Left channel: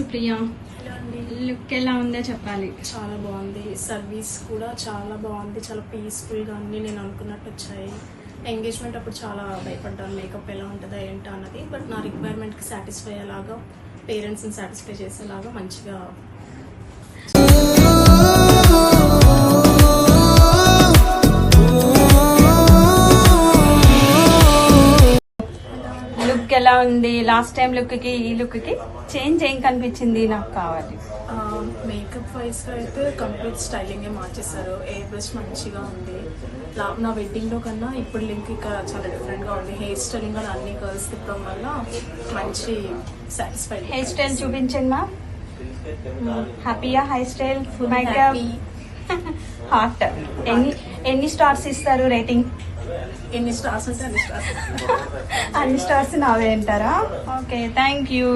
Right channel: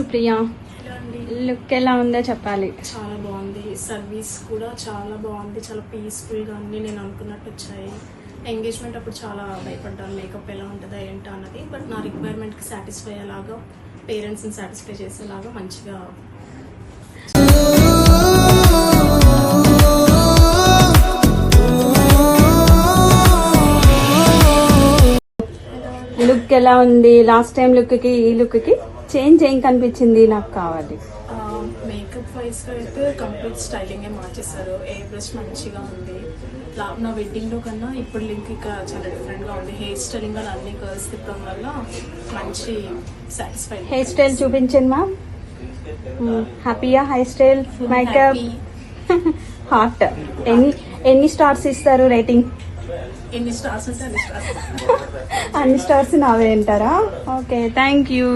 Supriya, look ఎలా ఉందో చెప్పాలి. చాలా బాగుంది, సర్వీస్ కూడా చాలా బాగుంది, చాలా పీస్ఫుల్గా అన్ని నేను అనుకున్నట్టు వచ్చాయి. ఎంగేజ్మెంట్ అప్పుడు చాలా భయపడ్డాను మేకప్ ఎలా ఉంటుందా ఏంటో అన్నది. బట్ నా రిక్వైర్మెంట్కి సాటిస్ఫై అయ్యేలాగా, పేరెంట్స్ని సాటిస్ఫై చేసేలాగా మంచిగా లుక్ ఎలా ఉంది? లాస్ట్ టైం లుక్ కి ఈ లుక్ కి చేంజ్ ఏం కనిపించింది? నాకు కావాలి. మేకప్ వైజ్ గా అయితే కంప్లీట్ స్టైలింగ్ మార్చేశారు. ఏ బ్రష్ మంచిగా ఉంది. నా వెడ్డింగ్ లో కన్నా ఇప్పుడు లింక్ ఇంకా చాలా డిఫరెంట్ గా ఉంది. హెయిర్ స్టైలింగ్ కూడా అన్ని కర్ల్స్ తిప్పడం వల్ల మంచి సాటిస్ఫై. హెయిర్ స్టైల్ చూపించండి మా. హ్యాపీయా? Hair style, makeup, hot. ఎన్ని స్టార్స్ ఇస్తారు రేటింగ్? ఎన్ని స్టార్స్ ఉంటే అన్ని స్టార్స్. అన్ని స్టార్స్ నావే అంటారా? Okay, thank you.